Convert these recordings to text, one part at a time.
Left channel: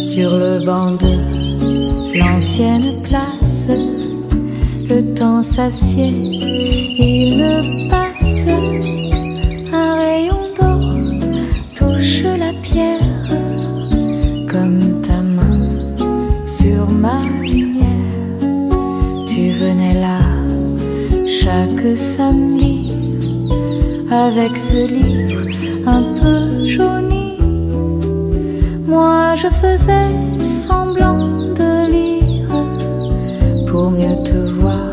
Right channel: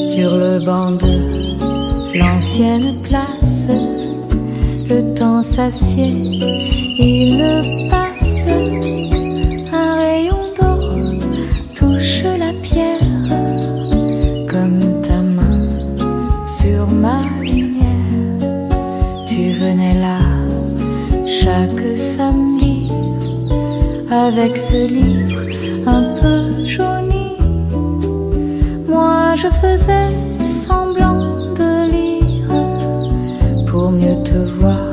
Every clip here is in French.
Sur le banc de l'ancienne place, le temps s'assied, il passe. Un rayon d'or touche la pierre, comme ta main sur ma lumière. Tu venais là chaque samedi, avec ce livre un peu jauni. Moi je faisais semblant de lire, pour mieux te voir,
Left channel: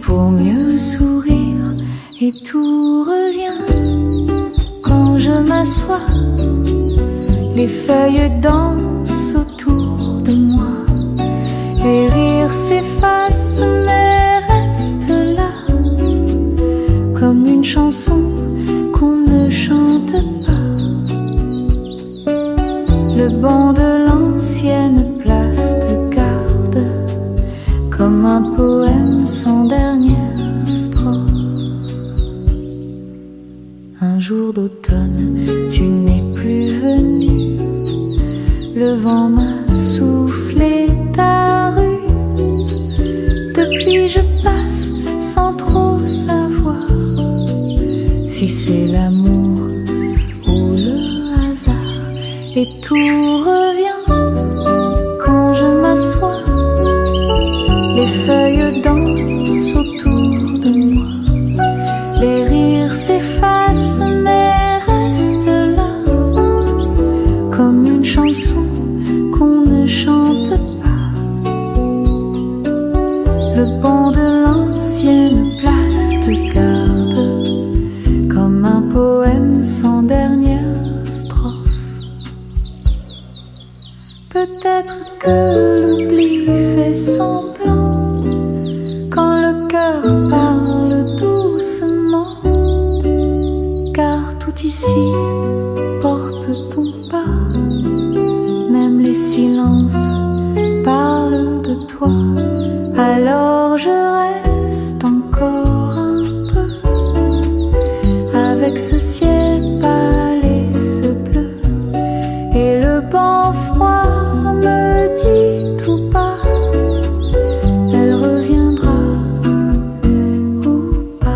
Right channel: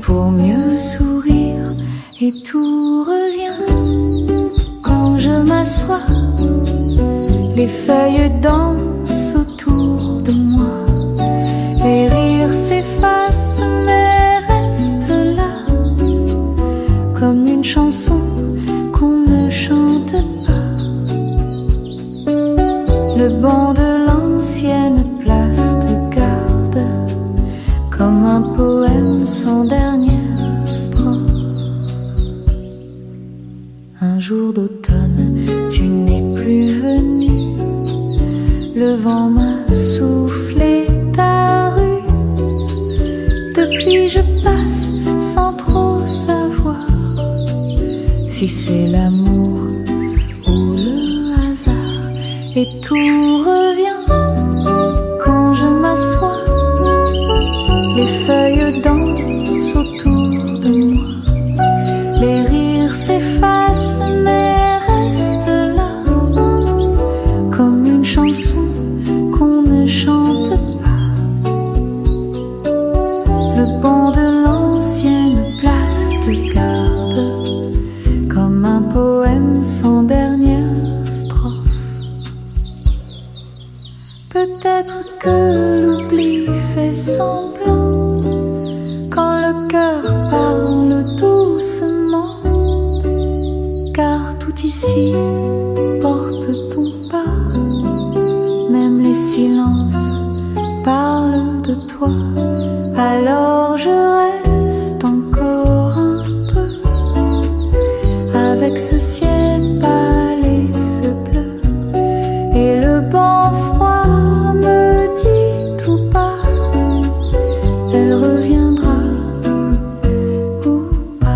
pour mieux sourire. Et tout revient quand je m'assois, les feuilles dansent autour de moi. Les rires s'effacent mais restent là, comme une chanson qu'on ne chante pas. Le banc de l'ancienne place te garde, comme un poème sans dernière strophe. Un jour d'automne, tu n'es plus venu, le vent m'a soufflé ta rue. Depuis je passe sans trop savoir si c'est l'amour ou le hasard. Et tout revient quand je m'assois, les feuilles dansent autour de moi. Les rires s'effacent mais restent là, comme une chanson qu'on ne chante pas. Le banc de l'ancienne place te garde, comme un poème sans dernière strophe. Peut-être que l'oubli fait semblant quand le cœur parle doucement, car tout ici porte ton pas. Même les silences parlent de toi. Alors je reste encore un peu avec ce ciel pâle et ce bleu. Et le banc froid me dit tout bas, elle reviendra ou pas.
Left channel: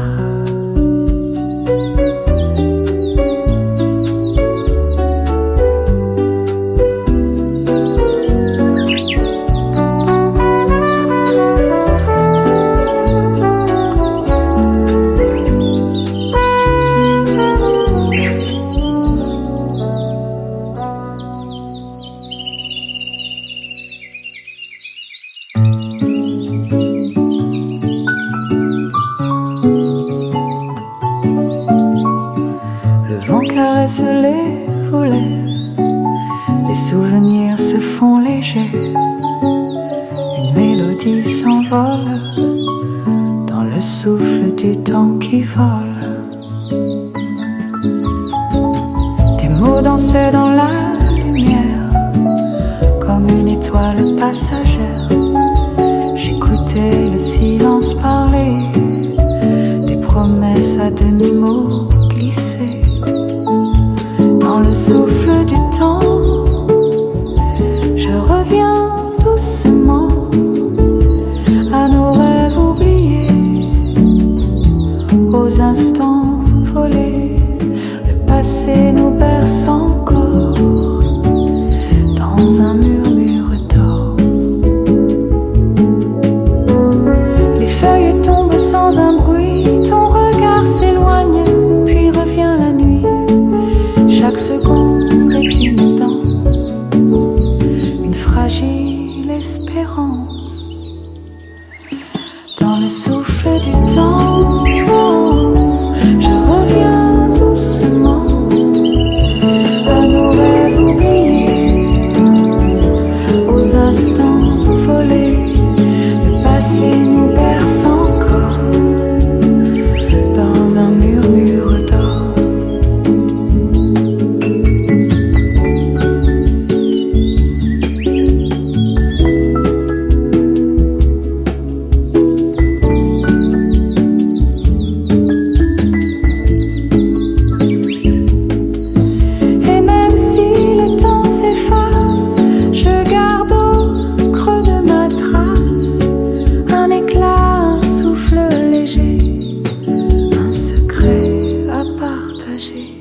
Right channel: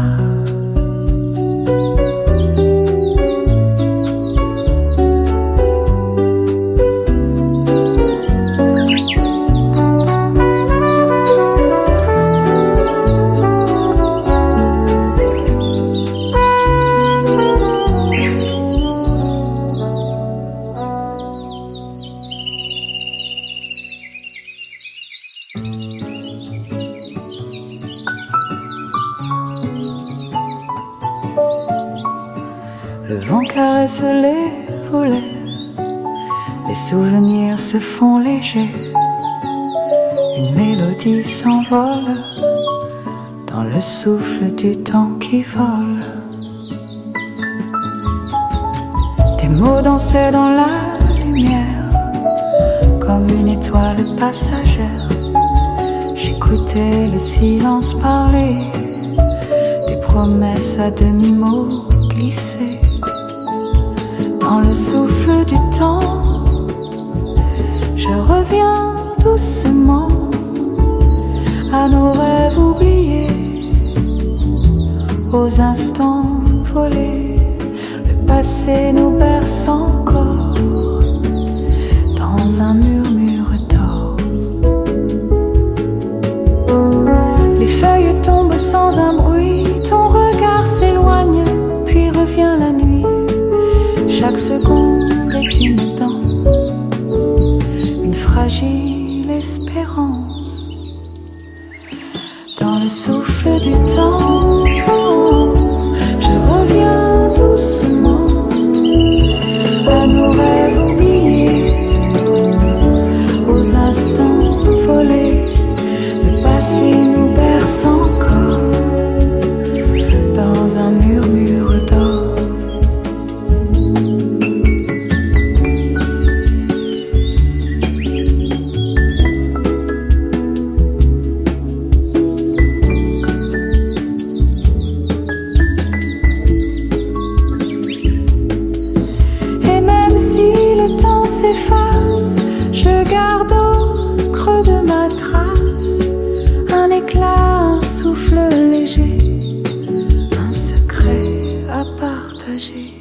Caresse les volets, les souvenirs se font légers, une mélodie s'envole dans le souffle du temps qui vole. Tes mots dansaient dans la lumière, comme une étoile passagère. J'écoutais le silence parler, des promesses à demi-mot glissées. Dans le souffle du temps, je reviens doucement à nos rêves oubliés, aux instants volés. Le passé nous berce encore dans un murmure d'or. Les feuilles tombent sans un bruit, ton regard s'éloigne, puis revient la nuit. Chaque seconde est une danse, une fragile espérance. Dans le souffle du temps, je reviens doucement à nos rêves oubliés, aux instants volés. Le passé nous berce encore dans un murmure d'or. léger.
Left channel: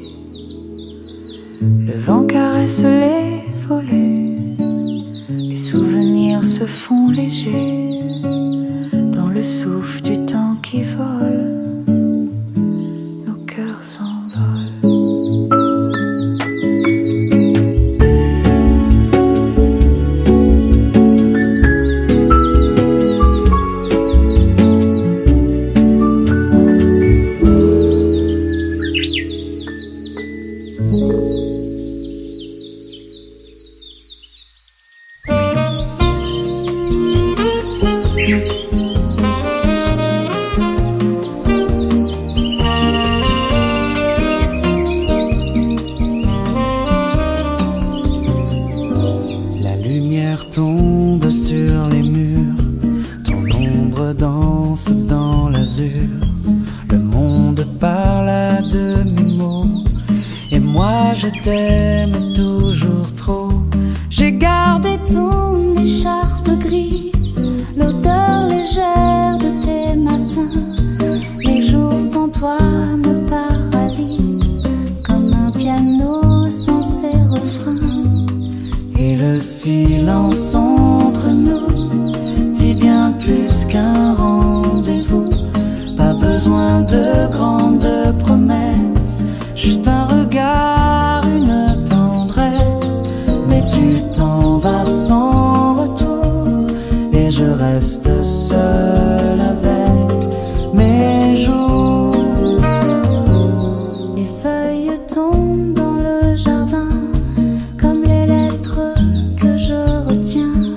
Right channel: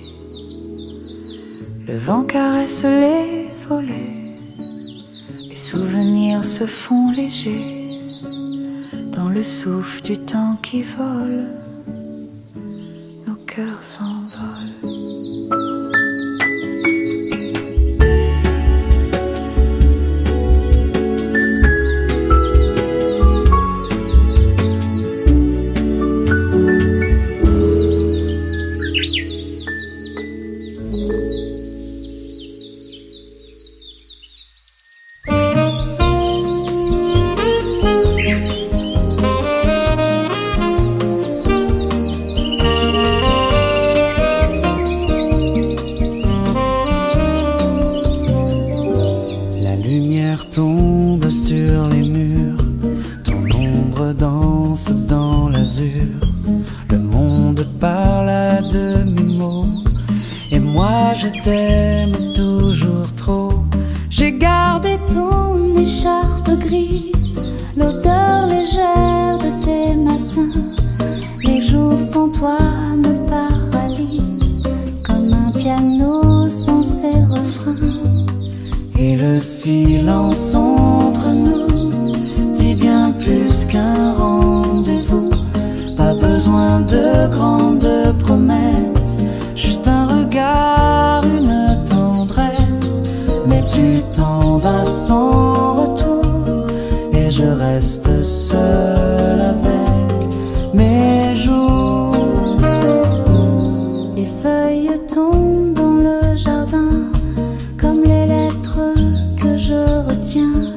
Le vent caresse les volets, les souvenirs se font légers dans le souffle du temps qui vole, nos cœurs s'envolent. Tombe sur les murs, ton ombre danse dans l'azur. Le monde parle à demi-mot, et moi je t'aime toujours trop. J'ai gardé ton écharpe grise, l'odeur légère de tes matins. Les jours sans toi me paralysent, comme un piano sans ses refrains. Et le silence entre nous dit bien plus qu'un rendez-vous. Pas besoin de grandes promesses, juste un regard, une tendresse. Mais tu t'en vas sans retour, et je reste seul avec mes jours. Les feuilles tombent dans le jardin, comme les lettres que je retiens.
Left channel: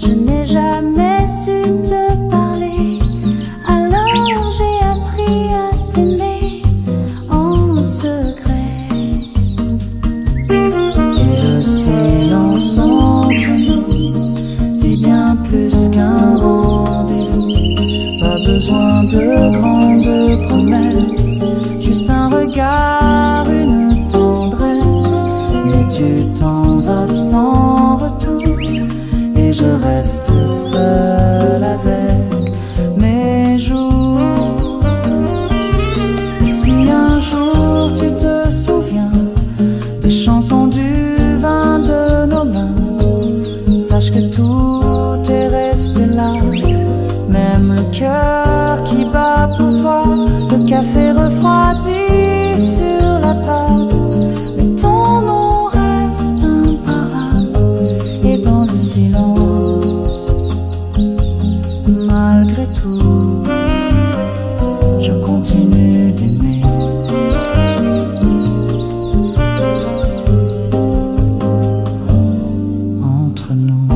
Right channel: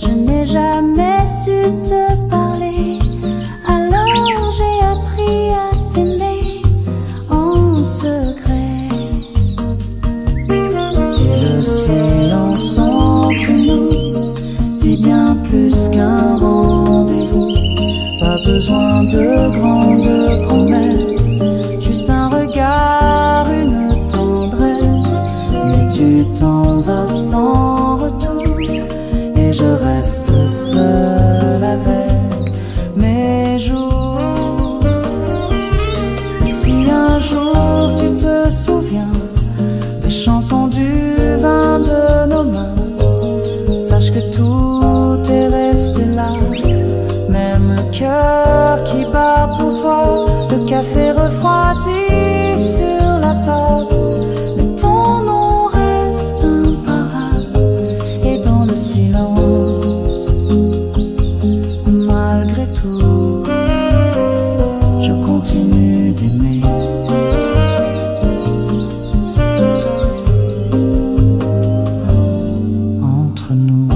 Je n'ai jamais su te parler, alors j'ai appris à t'aimer en secret. Et le silence entre nous dit bien plus qu'un rendez-vous. Pas besoin de grandes promesses, juste un regard, une tendresse. Mais tu t'en vas sans retour, et je reste seul avec mes jours. Et si un jour tu te souviens des chansons du vin de nos mains, sache que tout est resté là, même le cœur qui bat pour toi. Le café refroidi sur la table, mais ton nom reste imparable. Et dans le silence, malgré tout, je continue d'aimer. Entre nous,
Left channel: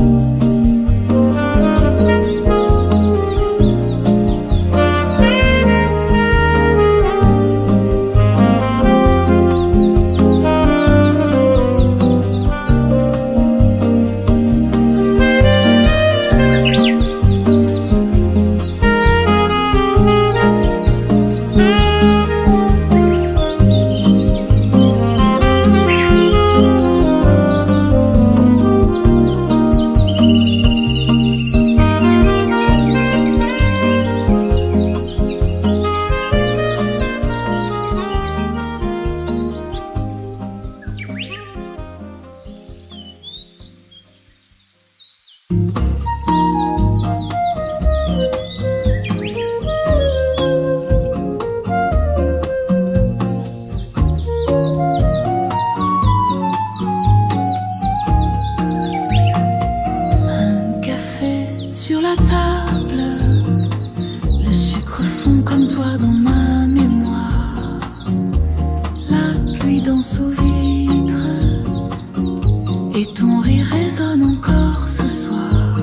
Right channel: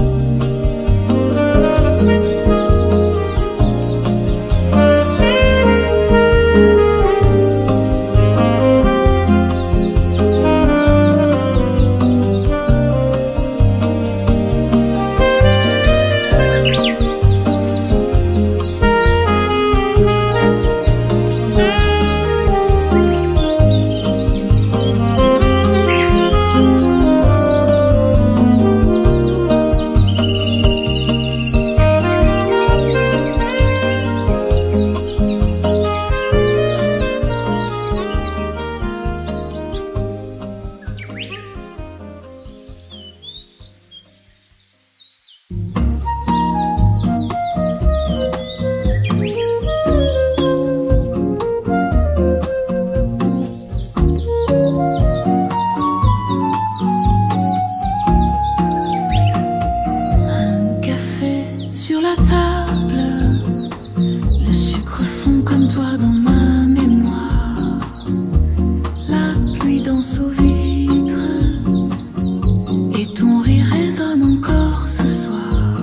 sur la table, le sucre fond comme toi dans ma mémoire. La pluie danse aux vitres, et ton rire résonne encore ce soir.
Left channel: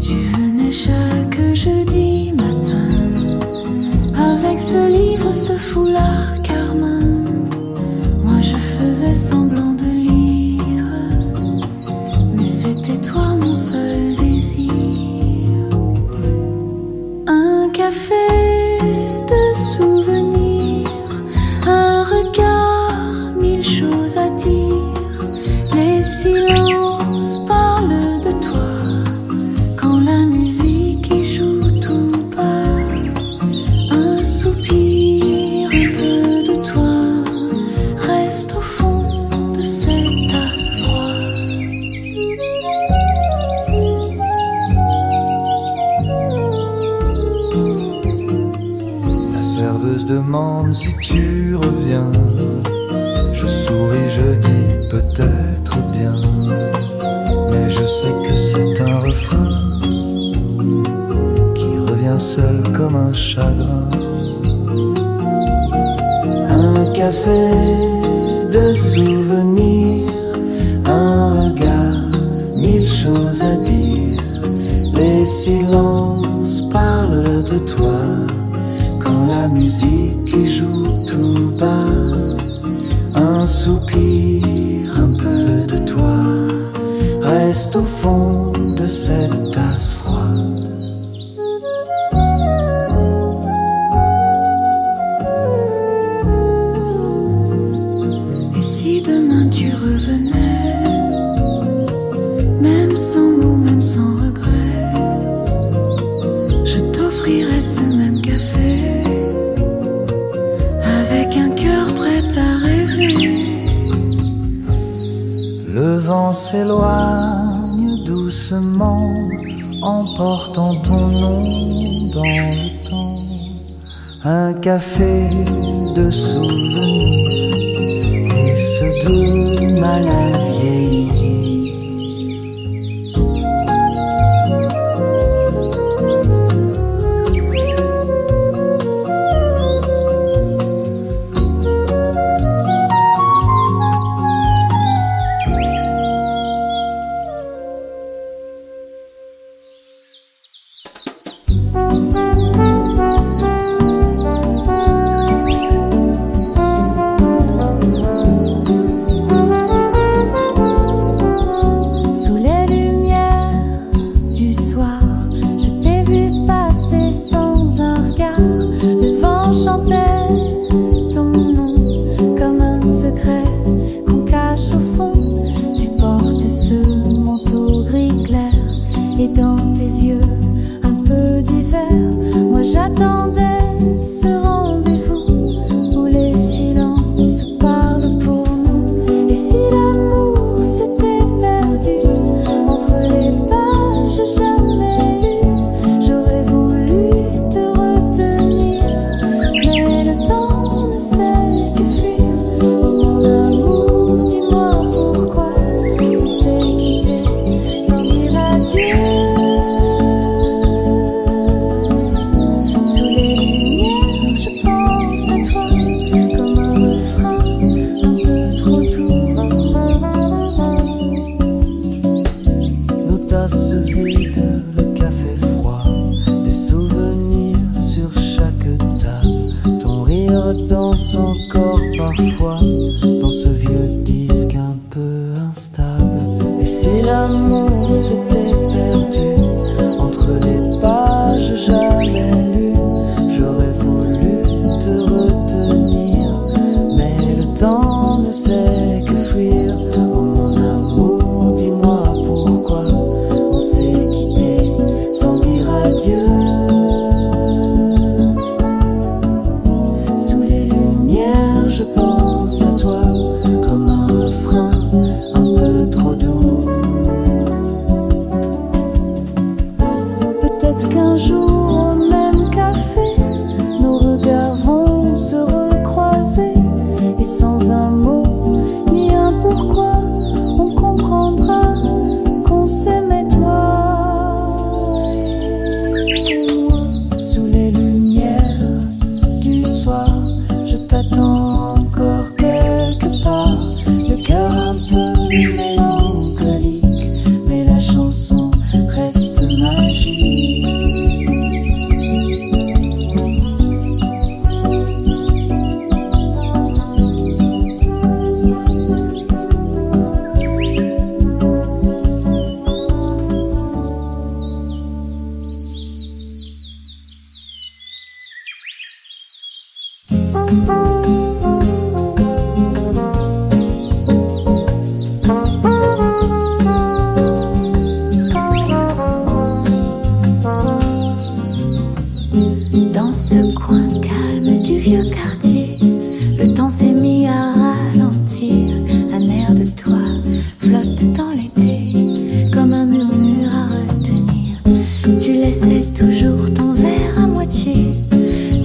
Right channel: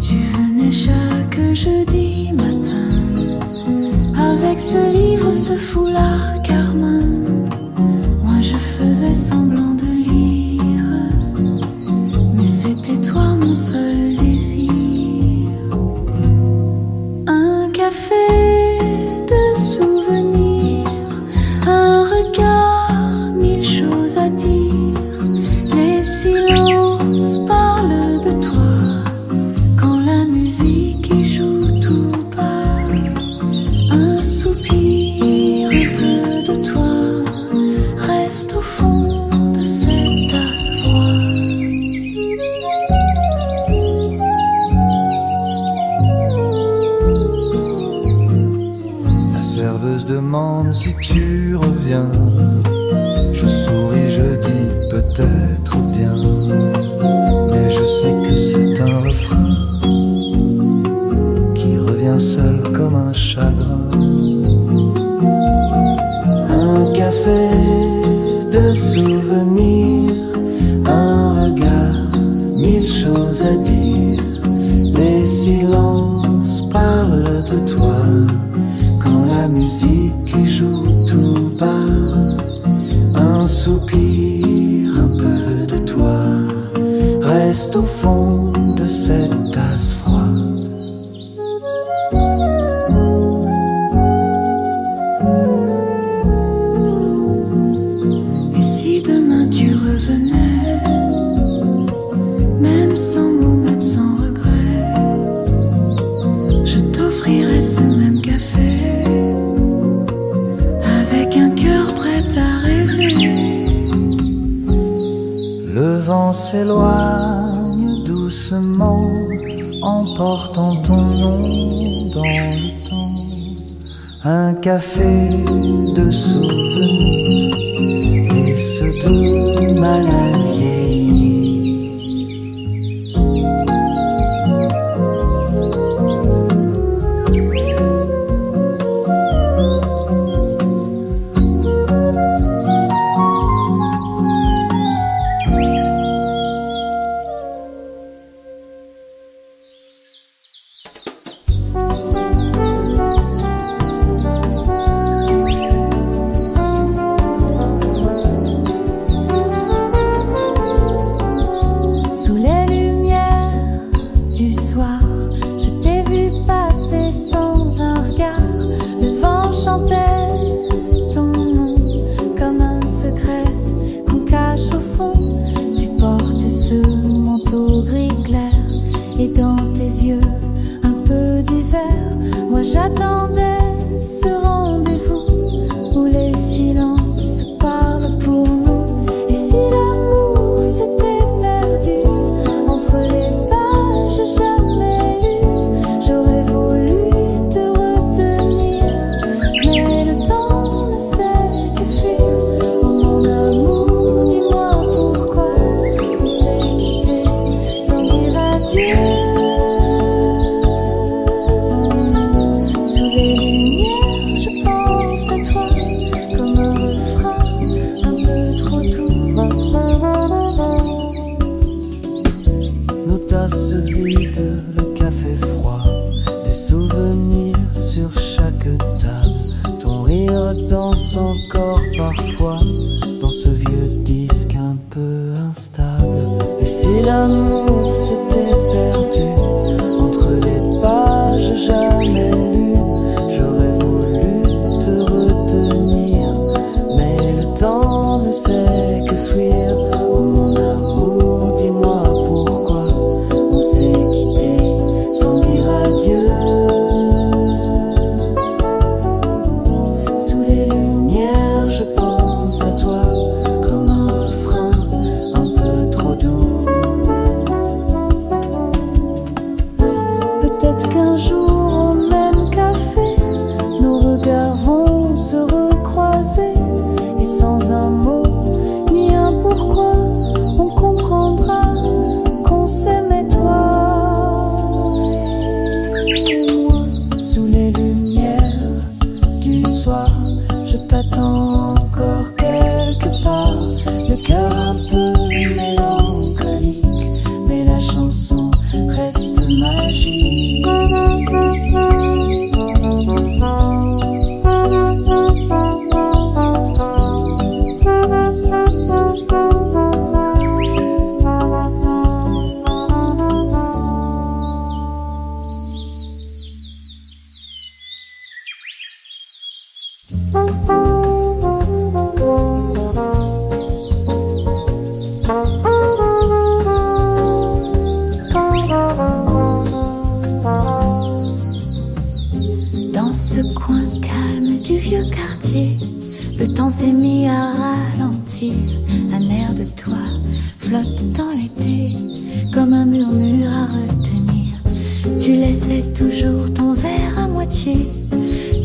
Tu venais chaque jeudi matin, avec ce livre, ce foulard carmin. Moi je faisais semblant de lire, mais c'était toi mon seul désir. Un café de souvenirs, un regard, mille choses à dire. Les silences parlent de toi, quand la musique y joue tout bas. Un soupir, un peu de toi, serveuse demande si tu reviens. Je souris, je dis peut-être bien, mais je sais que c'est un refrain qui revient seul comme un chagrin. Un café de souvenirs, un regard, 1000 choses à dire. Les silences parlent de toi quand la musique joue tout bas. Un soupir, un peu de toi reste au fond de cette tasse froide. Et si demain tu revenais, même sans mots, même sans regret, je t'offrirais ce même café avec un cœur prêt à rêver. Le vent s'éloigne doucement, emportant ton nom dans le temps. Un café de souvenirs et ce doux mal à vieillir.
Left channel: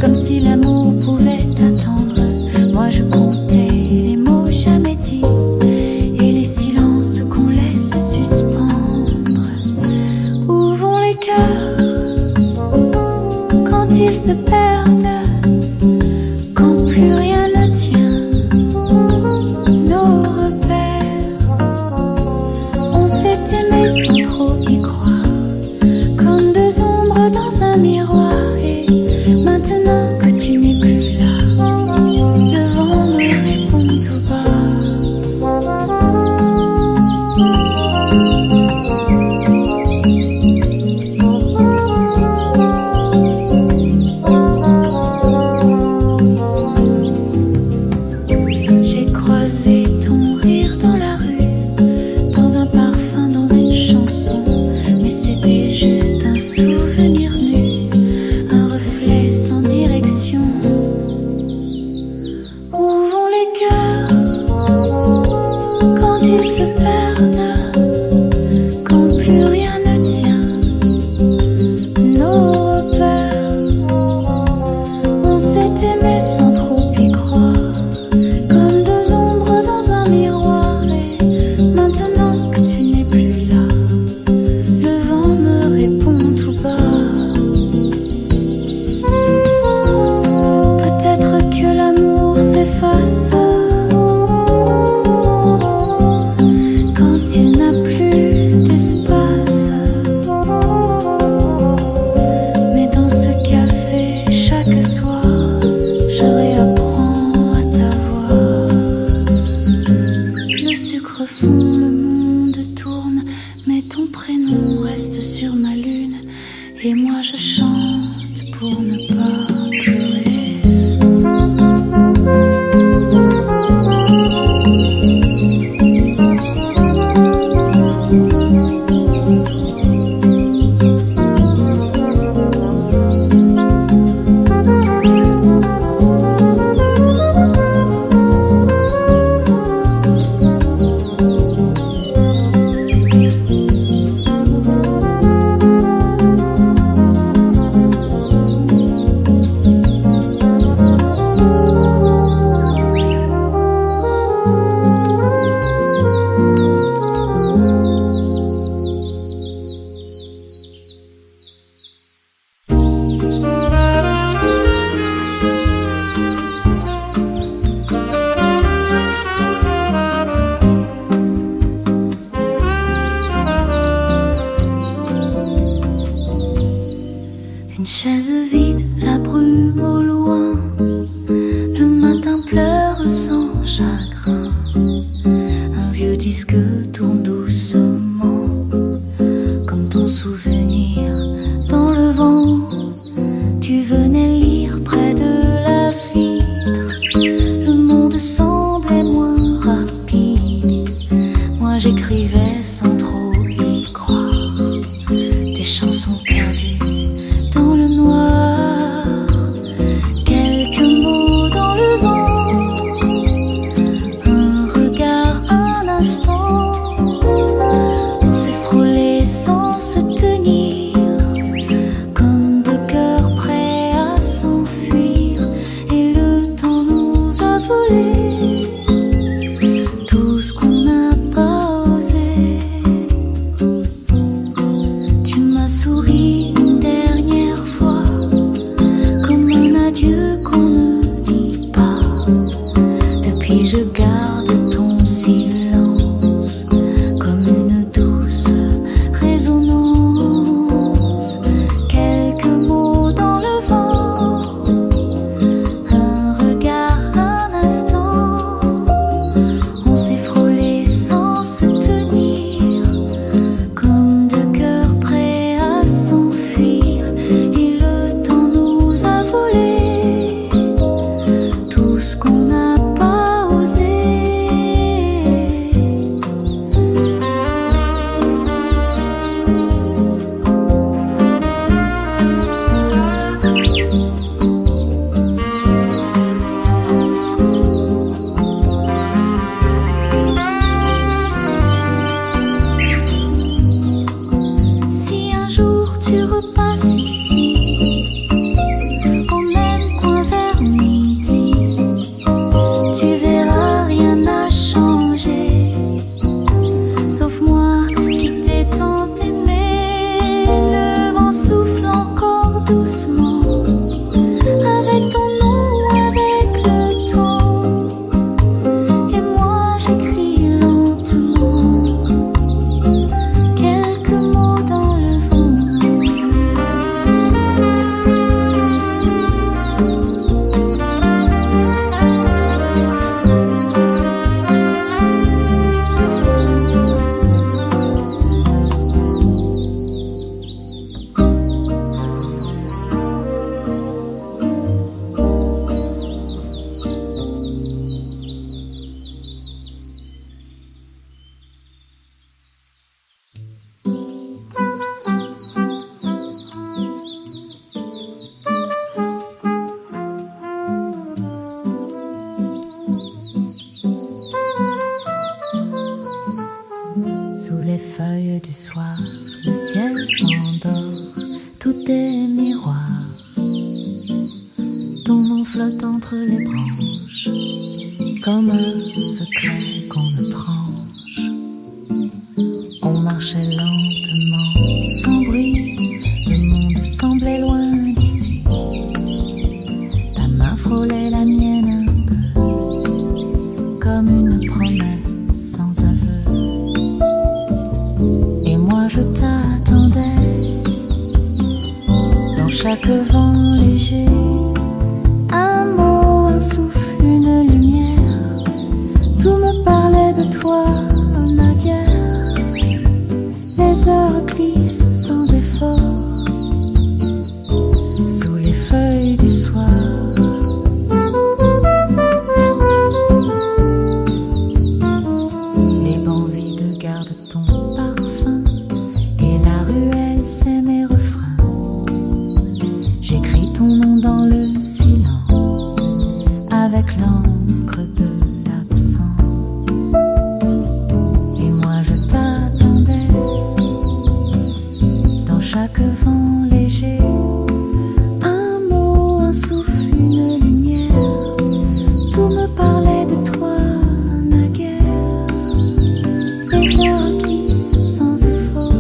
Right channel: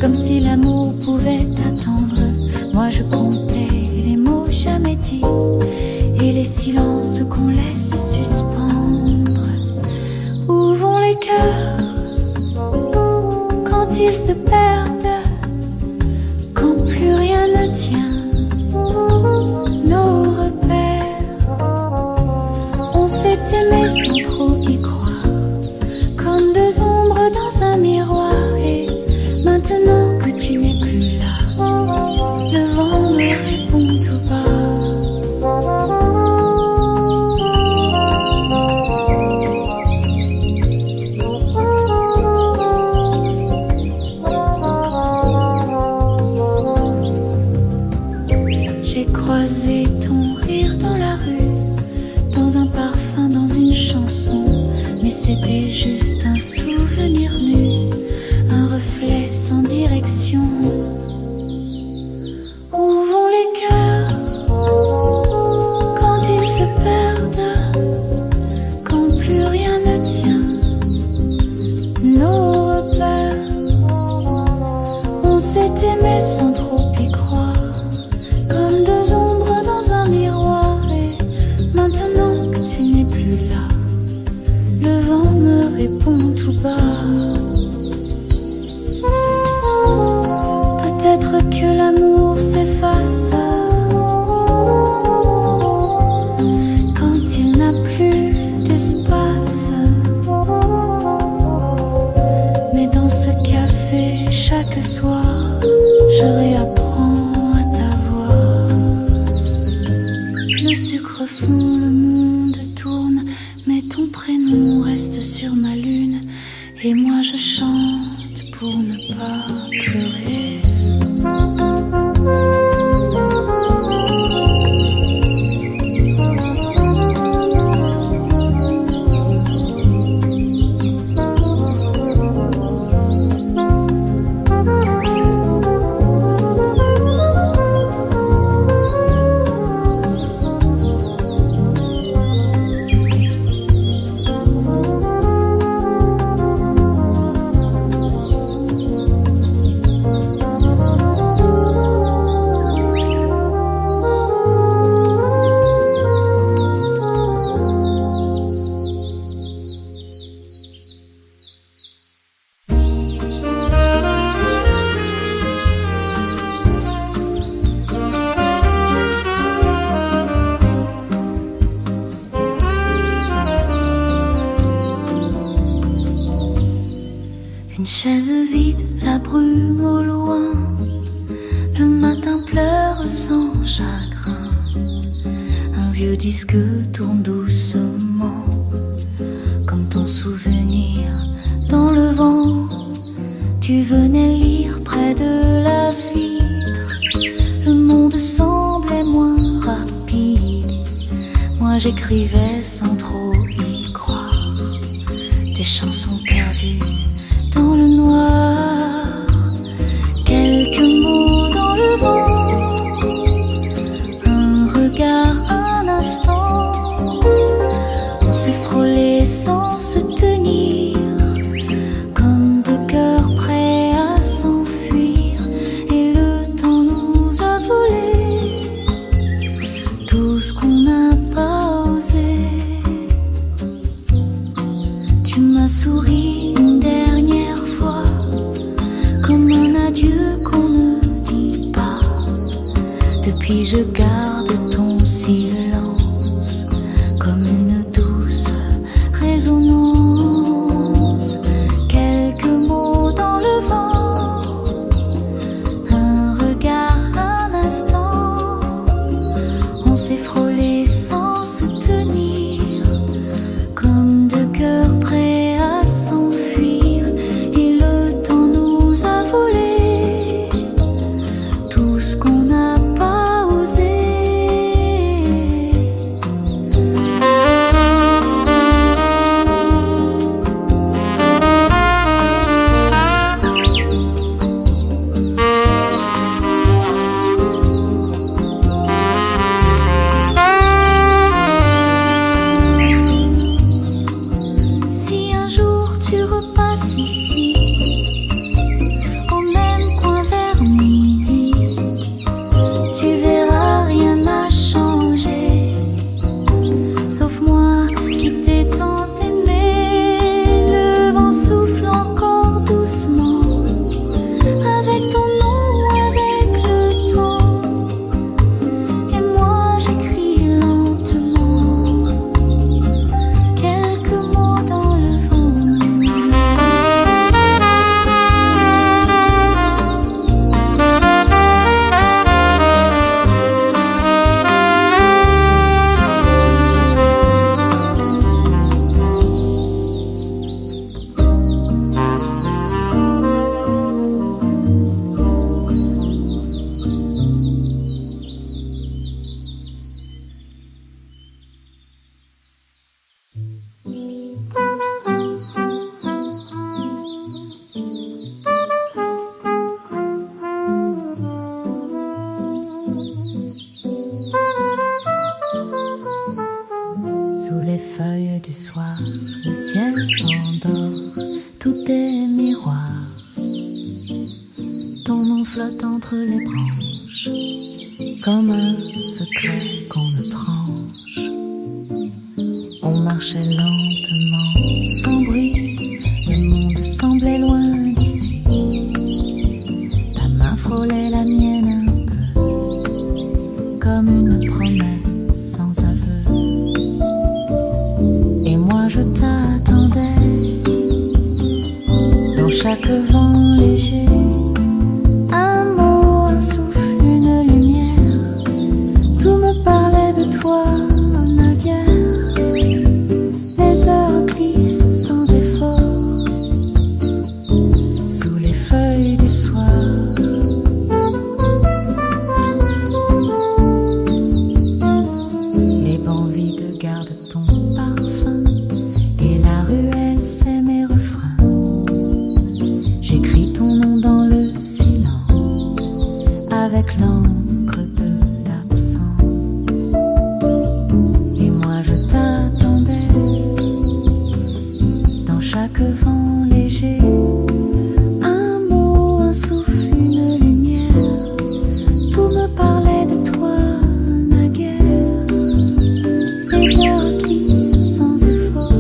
comme si l'amour pouvait attendre. Moi je comptais les mots jamais dits et les silences qu'on laisse suspendre. Où vont les cœurs quand ils se perdent, quand plus rien ne tient? Nos repères, on s'est aimé sans trop y croire, comme deux ombres dans un miroir. Et maintenant que tu n'es plus là, le vent me répond tout bas. J'ai croisé ton rire dans la rue, dans un parfum, dans une chanson, mais c'était juste un souvenir nu, un reflet sans direction. Où vont les cœurs quand ils se perdent, quand plus rien ne tient? Nos repères, on s'est aimé sans trop y croire, comme deux ombres dans un miroir. Et maintenant que tu n'es plus là, le vent me répond tout bas. Peut-être que l'amour s'efface quand il n'a plus d'espace. Mais dans ce café, chaque soir, je réapprends à t'avoir. Le sucre fond, le monde tourne, mais ton prénom reste sur ma lune. Et moi je chante pour ne pas pleurer. Une chaise vide, la brume au loin, le matin pleure sans chagrin. Un vieux disque tourne doucement, comme ton souvenir dans le vent. Tu venais lire près de la vitre, le monde semblait moins rapide. Moi j'écrivais sans trop y croire, des chansons perdues dans le noir, quelques mots dans le vent, un regard, un instant. On s'est frôlé sans se tenir, comme deux cœurs prêts à s'enfuir. Et le temps nous a volé tout ce qu'on n'a pas osé. Tu m'as souri une dernière fois, comme un adieu qu'on ne dit pas. Depuis je garde ton silence, comme une douce résonance. Quelques mots dans le vent, un regard, un instant. On s'est frôlé sans se tenir, comme deux cœurs prêts à s'enfuir. Et le temps nous a volé tout ce qu'on n'a pas osé. du soir, le ciel s'endort, tout est miroir. Ton nom flotte entre les branches, comme un secret qu'on ne tranche. On marchait lentement, sans bruit, le monde semblait loin d'ici. Ta main frôlait la mienne un peu, comme une promesse sans aveu. Et moi je t'attendais, dans chaque vent léger, un mot, un souffle, une lumière. Tout me parlait de toi, naguère. Les heures glissent sans effort, sous les feuilles du soir. Les bancs vides gardent ton parfum, et la ruelle c'est mes refrains. J'écris ton nom dans le silence, avec l'encre de l'absence. Et moi je t'attendais, dans chaque vent léger, un mot, un souffle, une lumière. Tout me parlait de toi, naguère. Les heures glissent sans effort,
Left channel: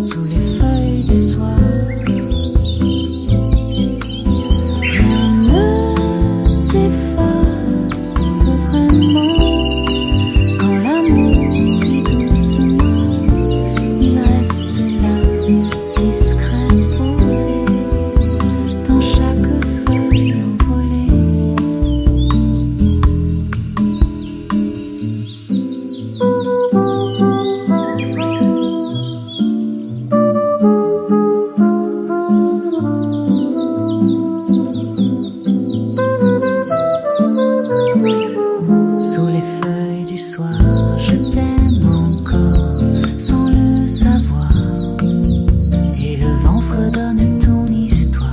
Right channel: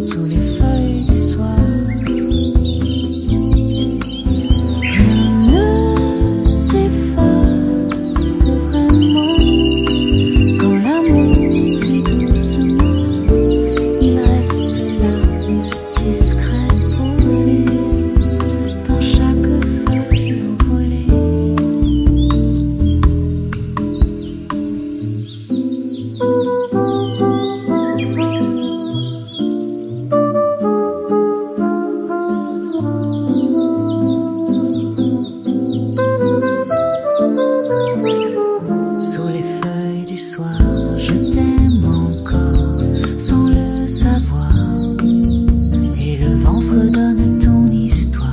sous les feuilles du soir. Rien ne s'efface vraiment quand l'amour vit doucement. Il reste là, discret, posé, dans chaque feuille envolée. Sous les feuilles du soir, je t'aime encore, sans le savoir. Et le vent fredonne ton histoire.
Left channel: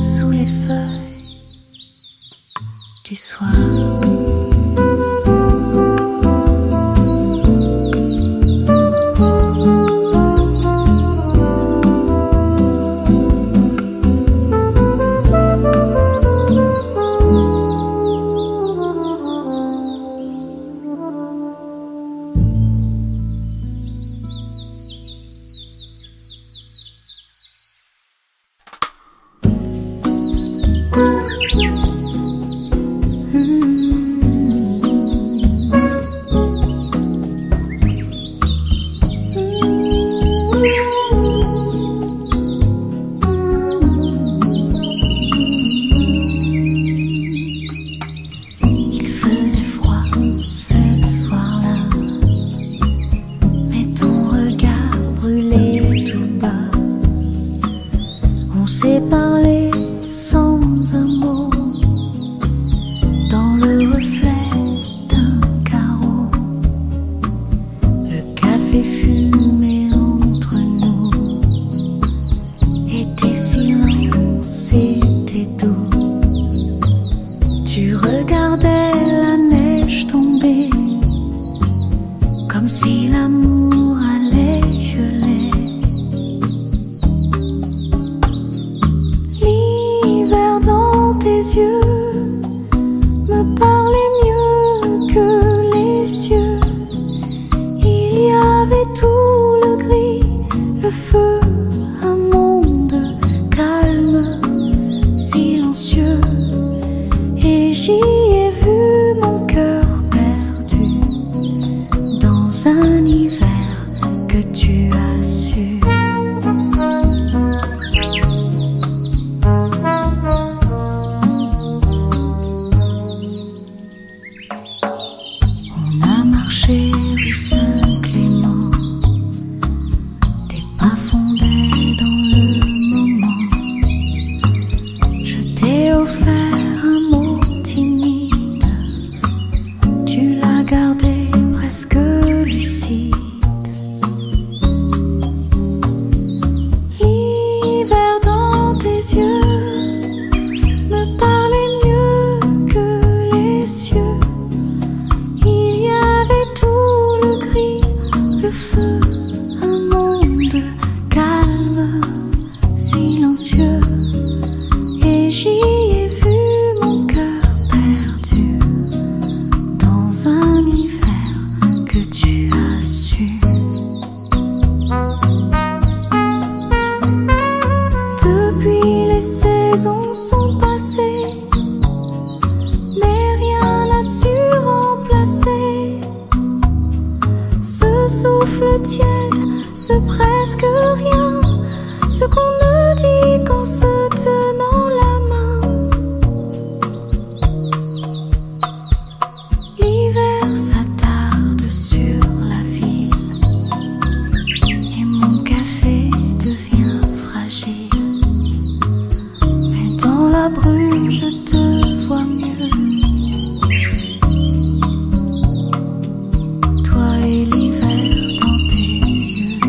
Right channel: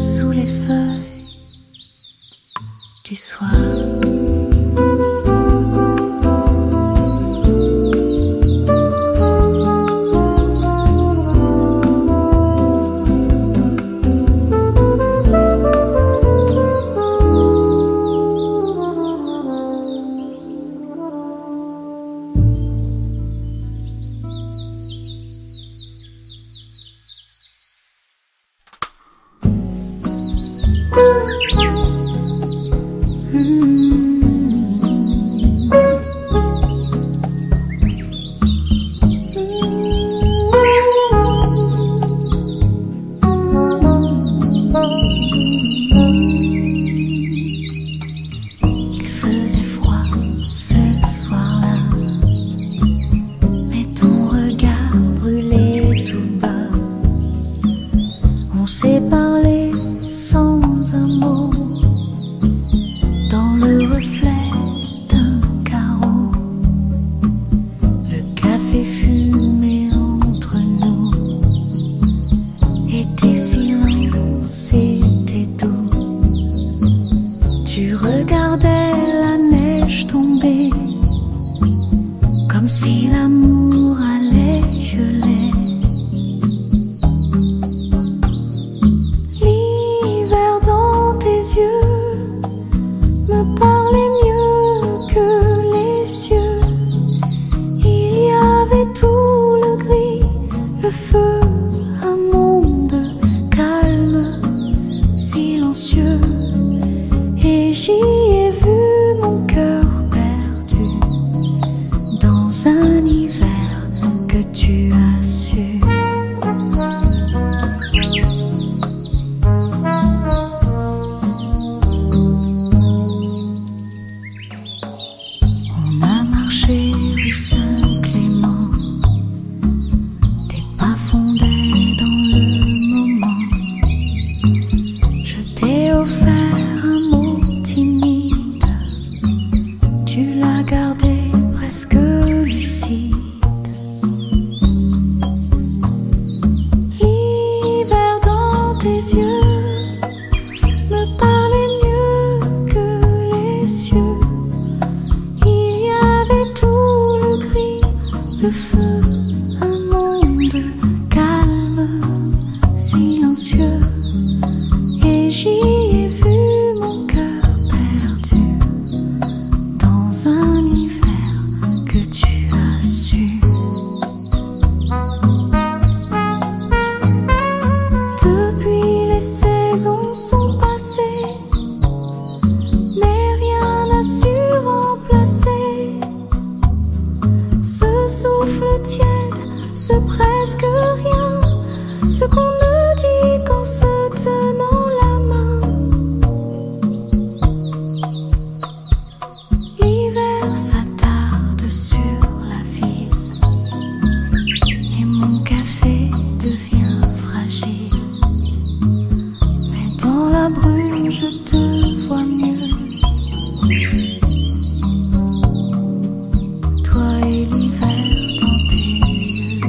Sous les feuilles du soir. Il faisait froid ce soir-là, mais ton regard brûlait tout bas. On s'est parlé sans un mot, dans le reflet d'un carreau. Le café fumait entre nous, et tes silences étaient doux. Tu regardais la neige tomber, comme si l'amour allait geler. L'hiver dans tes yeux me parlait mieux que les cieux. Il y avait tout le gris, le feu, un monde calme, silencieux. Et j'y ai vu mon cœur perdu dans un hiver que tu as su. silencieux et j'y ai vu mon cœur perdu dans un hiver que tu as su. Depuis les saisons sont passées, mais rien n'a su remplacer ce souffle tiède, ce presque rien, ce qu'on me dit qu'en se tenant la main. L'hiver s'attarde sur la ville et mon café devient fragile. Mais dans la brume je te vois mieux, toi et l'hiver dans tes yeux.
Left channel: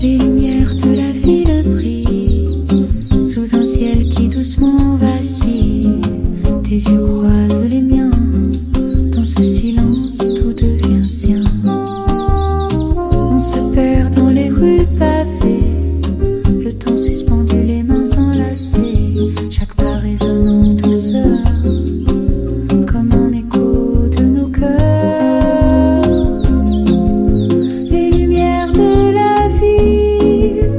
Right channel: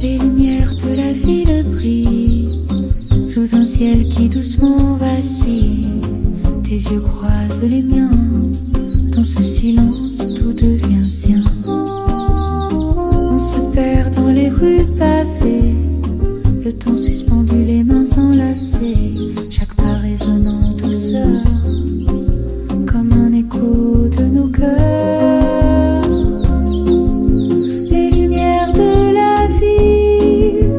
Les lumières de la ville brillent sous un ciel qui doucement vacille. Tes yeux croisent les miens, dans ce silence tout devient sien. On se perd dans les rues pavées, le temps suspendu, les mains enlacées, chaque pas résonne en douceur, comme un écho de nos cœurs. Les lumières de la ville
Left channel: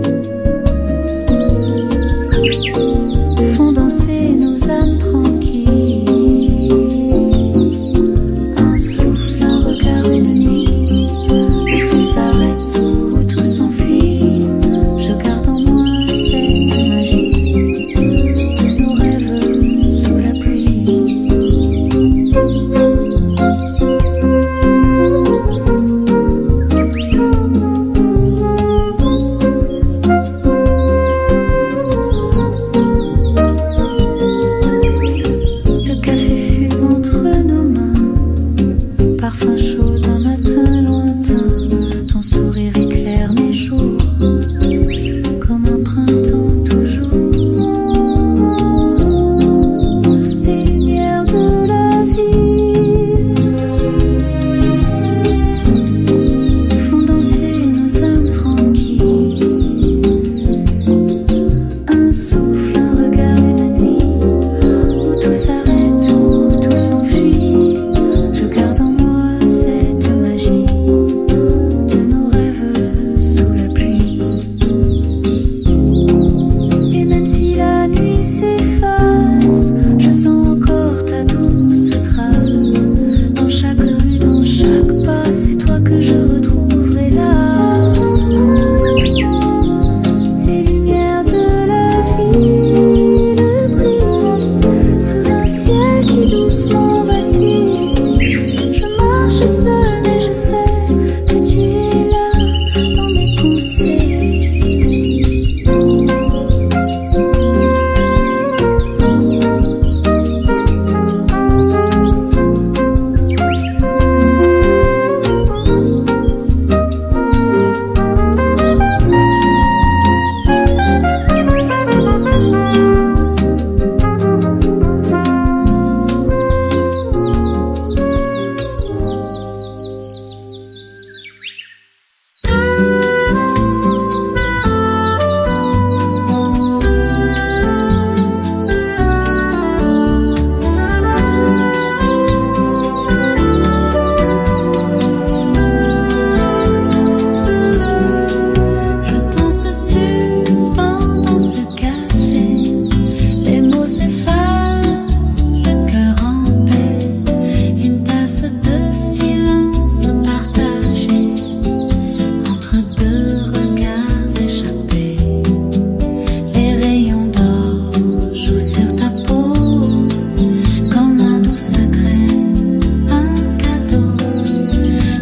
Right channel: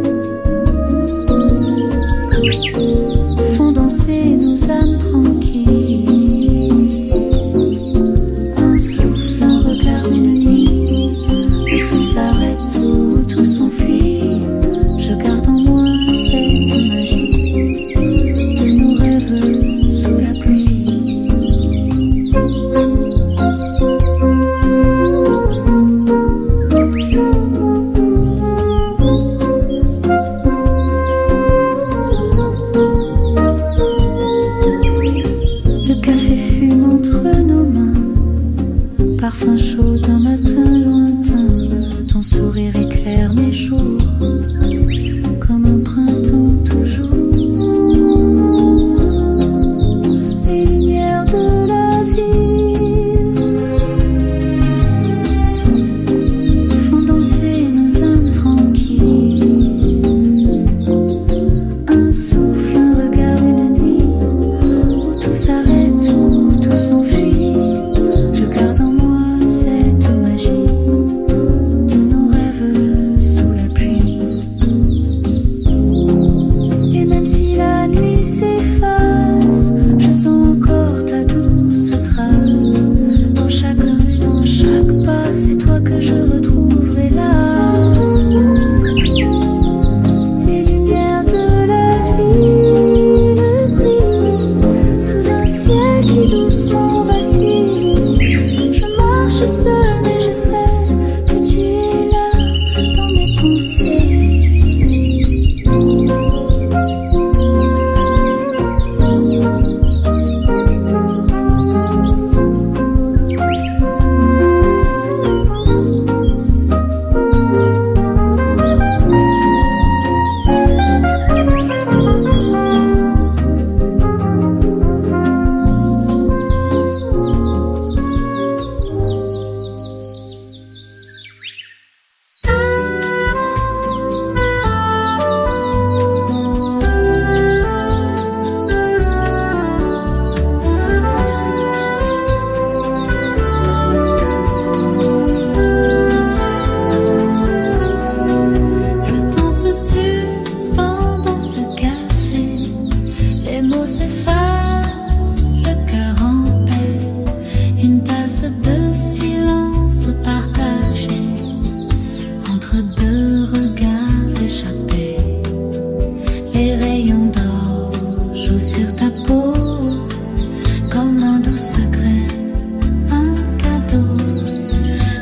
font danser nos âmes tranquilles. Un souffle, un regard, une nuit où tout s'arrête, où tout s'enfuit. Je garde en moi cette magie de nos rêves sous la pluie. Le café fume entre nos mains, parfum chaud d'un matin lointain. Ton sourire éclaire mes jours, comme un printemps toujours. Les lumières de la ville font danser nos âmes tranquilles. Un souffle, un regard, une nuit où tout s'arrête, où tout s'enfuit. Je garde en moi cette magie de nos rêves sous la pluie. Et même si la nuit s'efface, je sens encore ta douce trace. Dans chaque rue, dans chaque pas, c'est toi que je retrouverai là. Les lumières de la ville brillent sous un ciel qui doucement vacille. Je marche seule, mais je sais que tu es là dans mes pensées.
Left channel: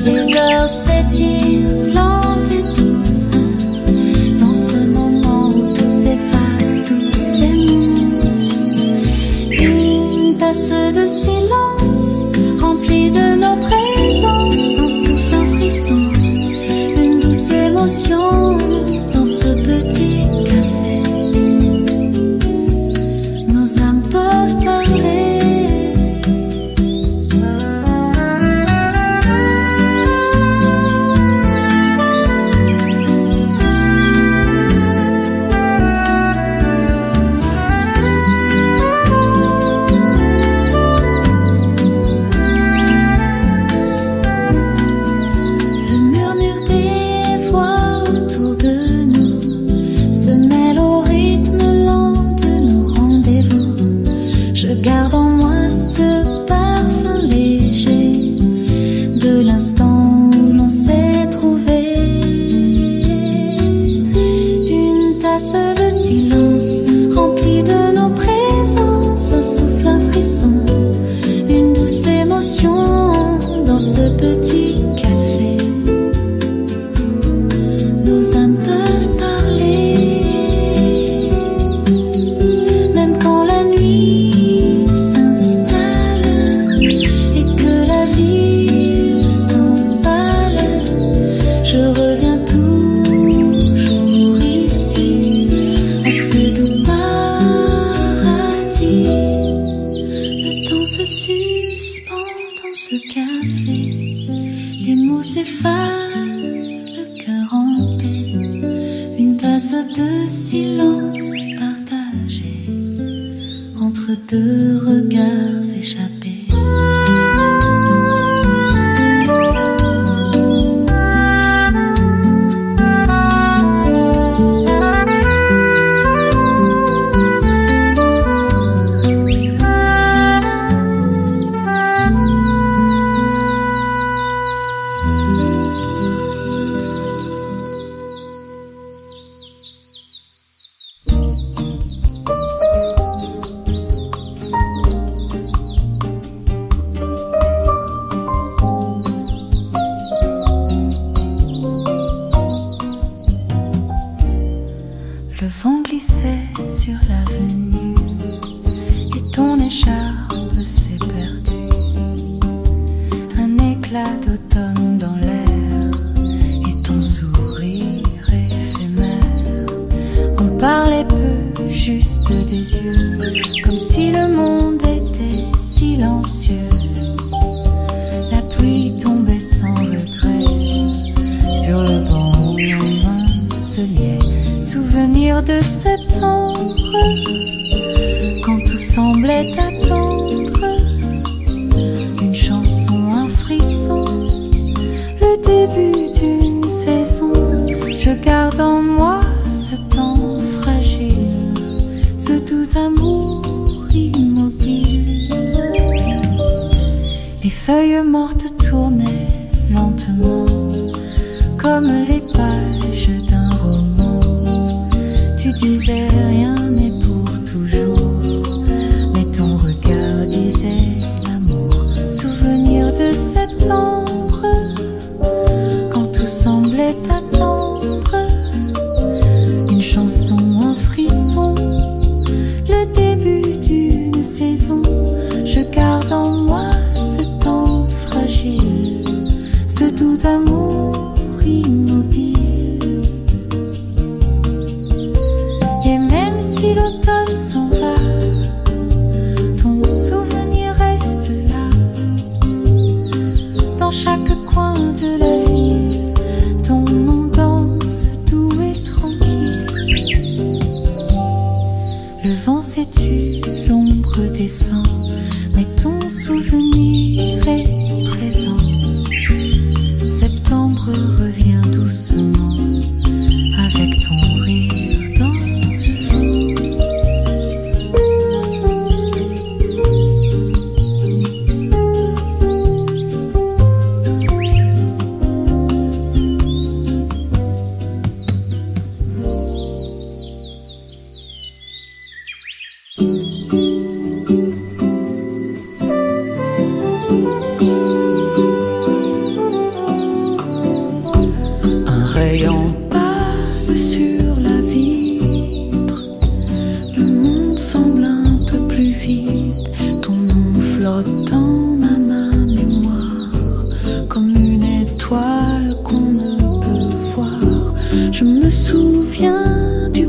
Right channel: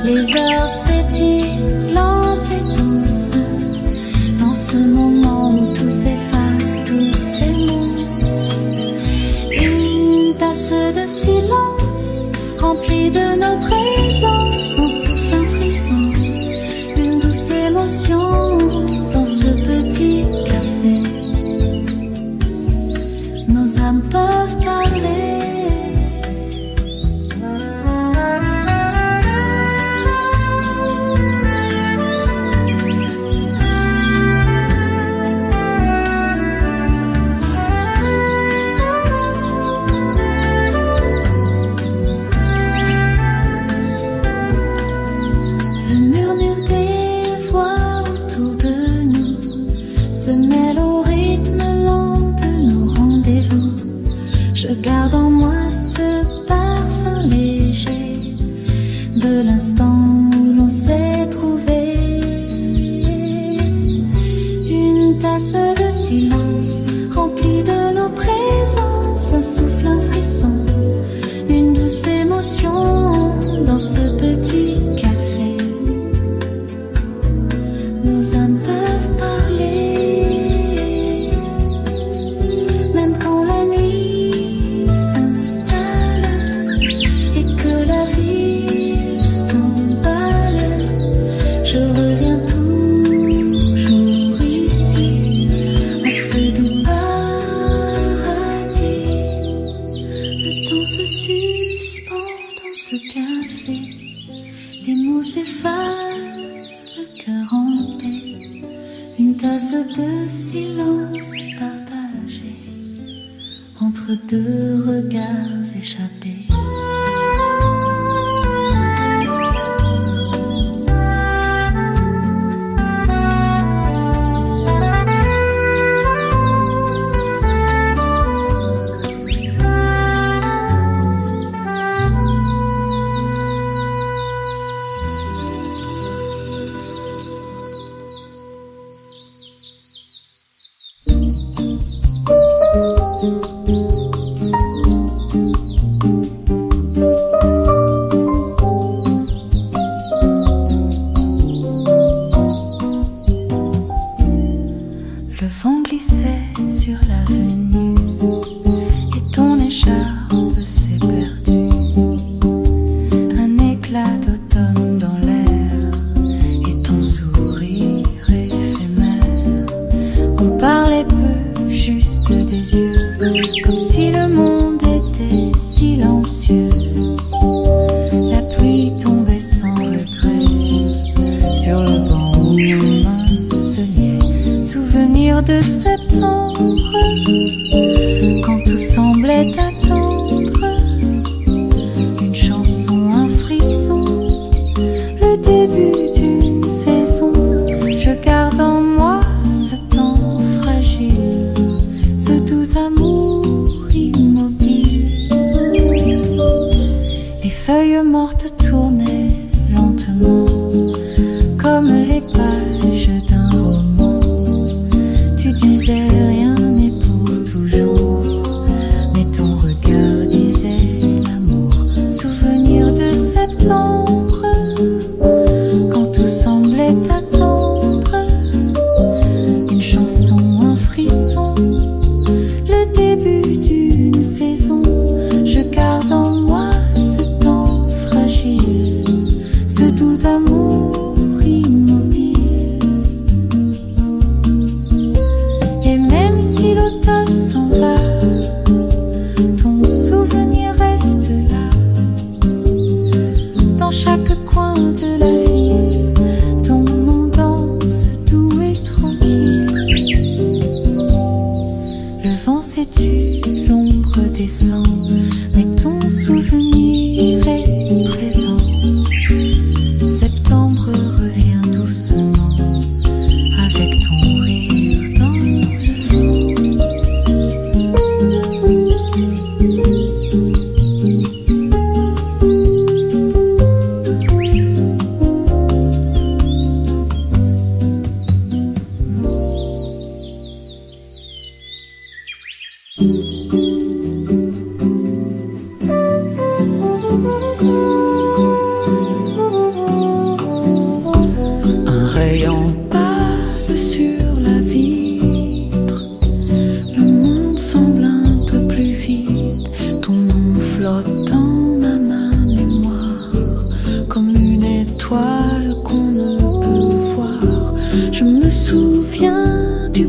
Les heures s'étirent lentes et douces dans ce moment où tout s'efface, tout s'émousse. Une tasse de silence remplie de nos présences, en souffle un frisson, une douce émotion dans ce petit café. Nos âmes peuvent parler. Garde en moi ce parfum léger de l'instant où l'on s'est trouvé. Une tasse de silence remplie de nos présences, un souffle, un frisson, une douce émotion dans ce petit café. Nos âmes peuvent parler, même quand la nuit s'emballe. Je reviens toujours ici, à ce doux paradis. Le temps se suspend dans ce café, les mots s'effacent, le cœur en paix. Une tasse de silence partagée entre deux regards échappés. Le vent glissait sur l'avenue et ton écharpe s'est perdue. Un éclat d'automne dans l'air et ton sourire éphémère. On parlait peu, juste des yeux, comme si le monde était silencieux. La pluie tombait sans regret sur le banc où nos mains se liaient. Souvenir de septembre, quand tout semblait attendre. Une chanson, un frisson, le début d'une saison. Je garde en moi ce temps fragile, ce doux amour immobile. Les feuilles mortes tournaient lentement, comme les pages d'un roman. Tu disais rien n'est pour toujours, mais ton regard disait l'amour. Souvenir de septembre, quand tout semblait attendre. Une chanson, un frisson, le début d'une saison. Je garde en moi ce temps fragile, ce doux amour immobile. Et même si l'automne s'en va, ton souvenir reste là. Dans chaque coin de la ville, ton nom danse doux et tranquille. Le vent s'est tu, l'ombre descend, mais ton souvenir est présent. Septembre revient doucement, avec ton rire dans le vent.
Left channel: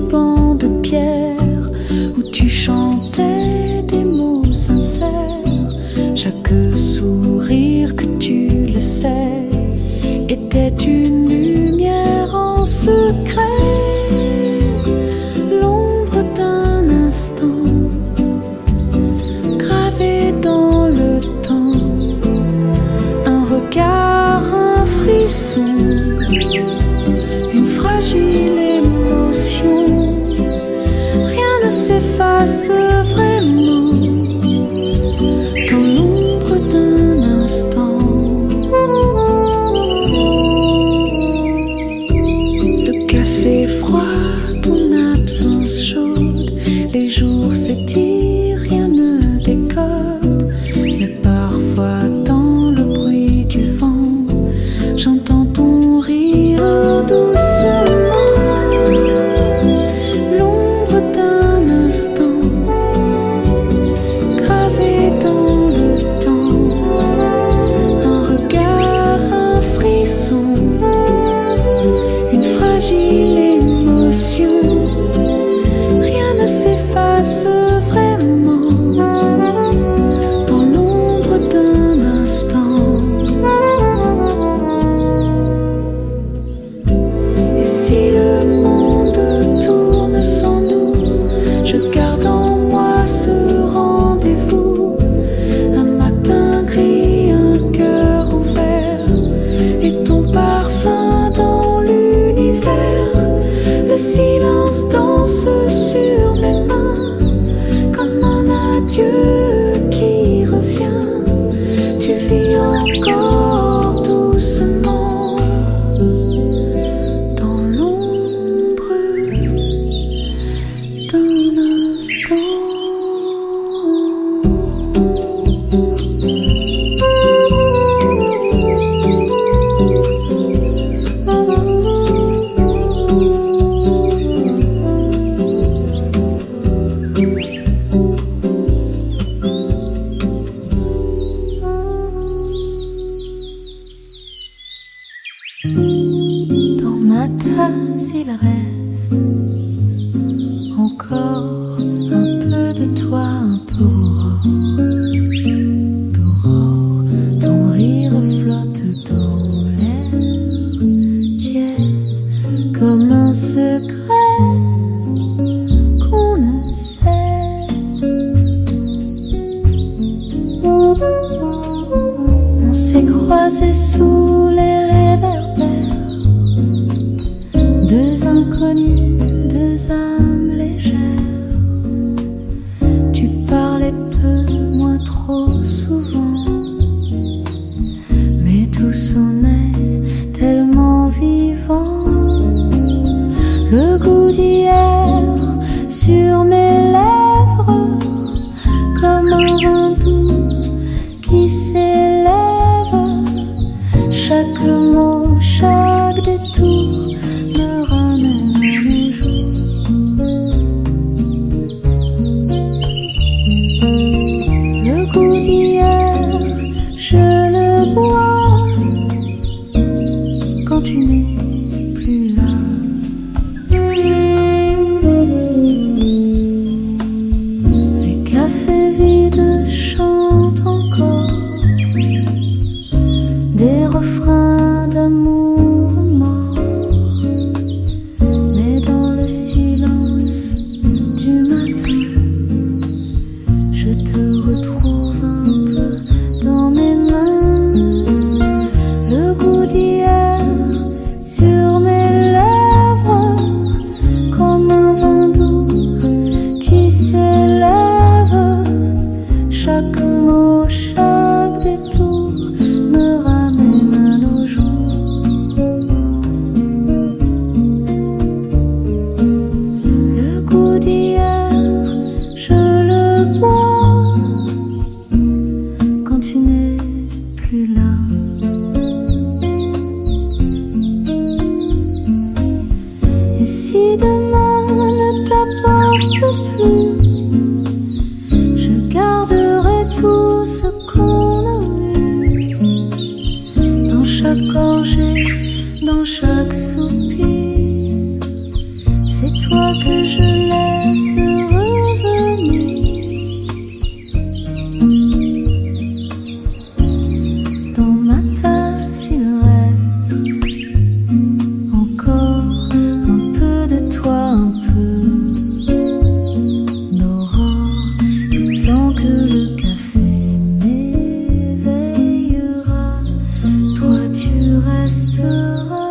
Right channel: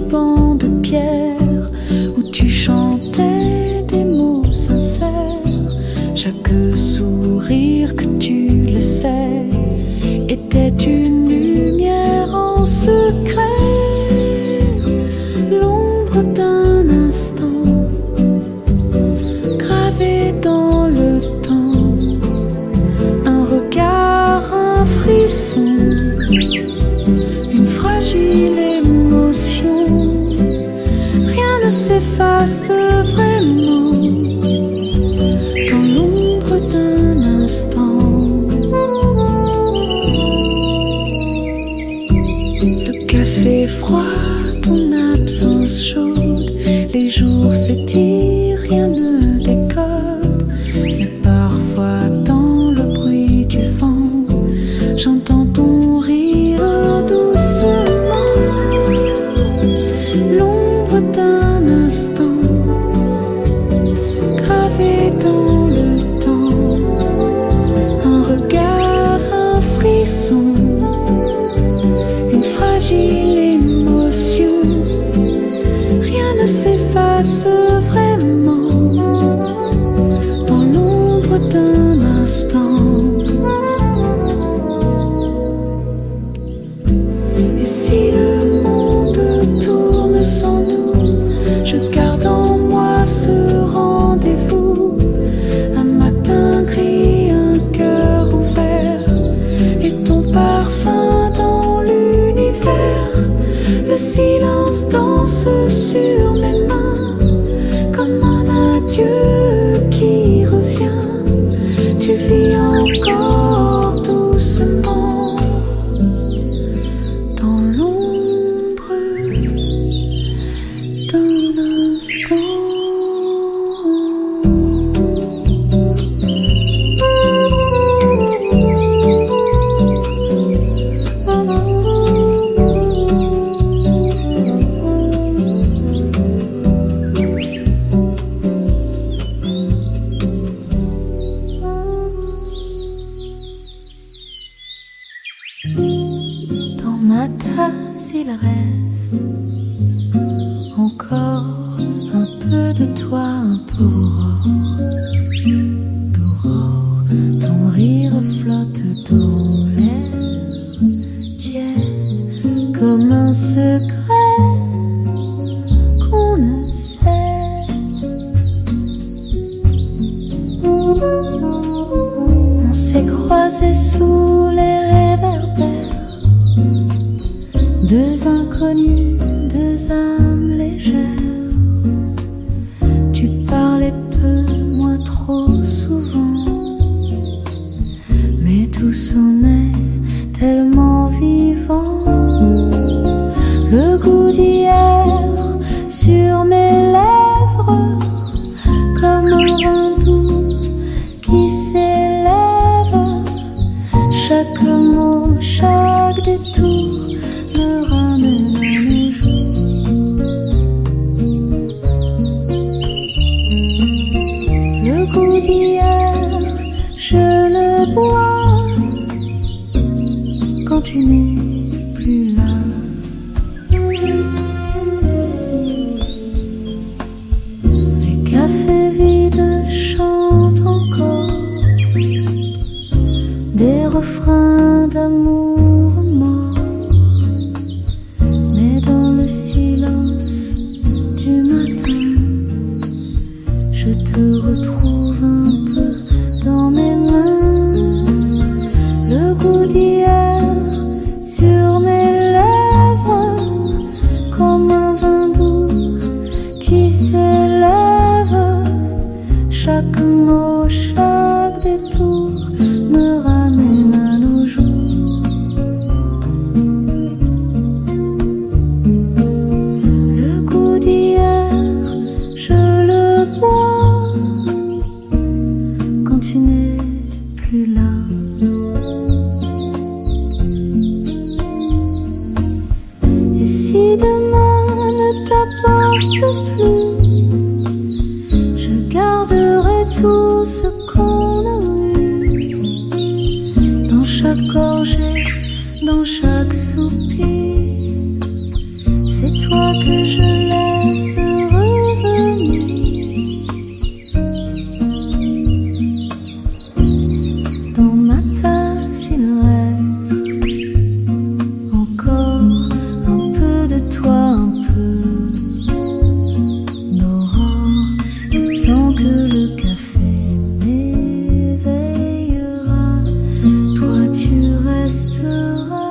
banc de pierre où tu chantais des mots sincères. Chaque sourire que tu le sais était une lumière en secret. L'ombre d'un instant gravé dans le temps, un regard, un frisson, une fragile émotion. Rien ne s'efface vraiment dans l'ombre d'un instant. Le café froid, ton absence chaude, les jours s'étirent, rien ne décode. Mais parfois dans le bruit du vent, j'entends ton rire doucement. L'ombre d'un instant gravé dans le temps, un regard, un frisson, une fragile émotion. Rien ne s'efface vraiment dans l'ombre d'un instant. Et si le monde tourne sans nous, je garde en moi ce rendez-vous. Un matin gris, un cœur ouvert, et ton parfum dans l'univers. Le silence danse sur mes mains, comme un adieu qui revient. Tu vis encore doucement dans l'ombre d'un instant. Dans ma tasse il reste encore un peu de toi, un peu d'aurore. Ton rire flotte dans l'air tiède comme un secret qu'on ne sait. On s'est croisés sous les réverbères, deux inconnus, deux âmes légères. Tu parlais peu, moi trop souvent, mais tout sonnait tellement vivant. Le goût d'hier sur mes lèvres, comme un vin doux qui s'élève. Chaque mot, chaque détour me ramène à nos jours. Le goût d'hier, je le bois quand tu n'es plus là. Les cafés vides chantent encore des refrains d'amour mort. Mais dans le silence du matin, je te retrouve un peu dans mes mains. Le goût d'hier sur mes lèvres, comme un vin doux qui s'élève. Chaque mot, chaque détour me ramène à nos jours. Le goût d'hier, je le bois quand tu n'es plus là. Et si demain ne t'apporte plus, je garderai tout ce qu'on a eu, dans chaque gorgée, dans chaque soupir. c'est toi que je laisse revenir. Dans ma tasse il reste encore un peu de toi, un peu d'aurore, et tant que le café m'éveillera, toi tu resteras.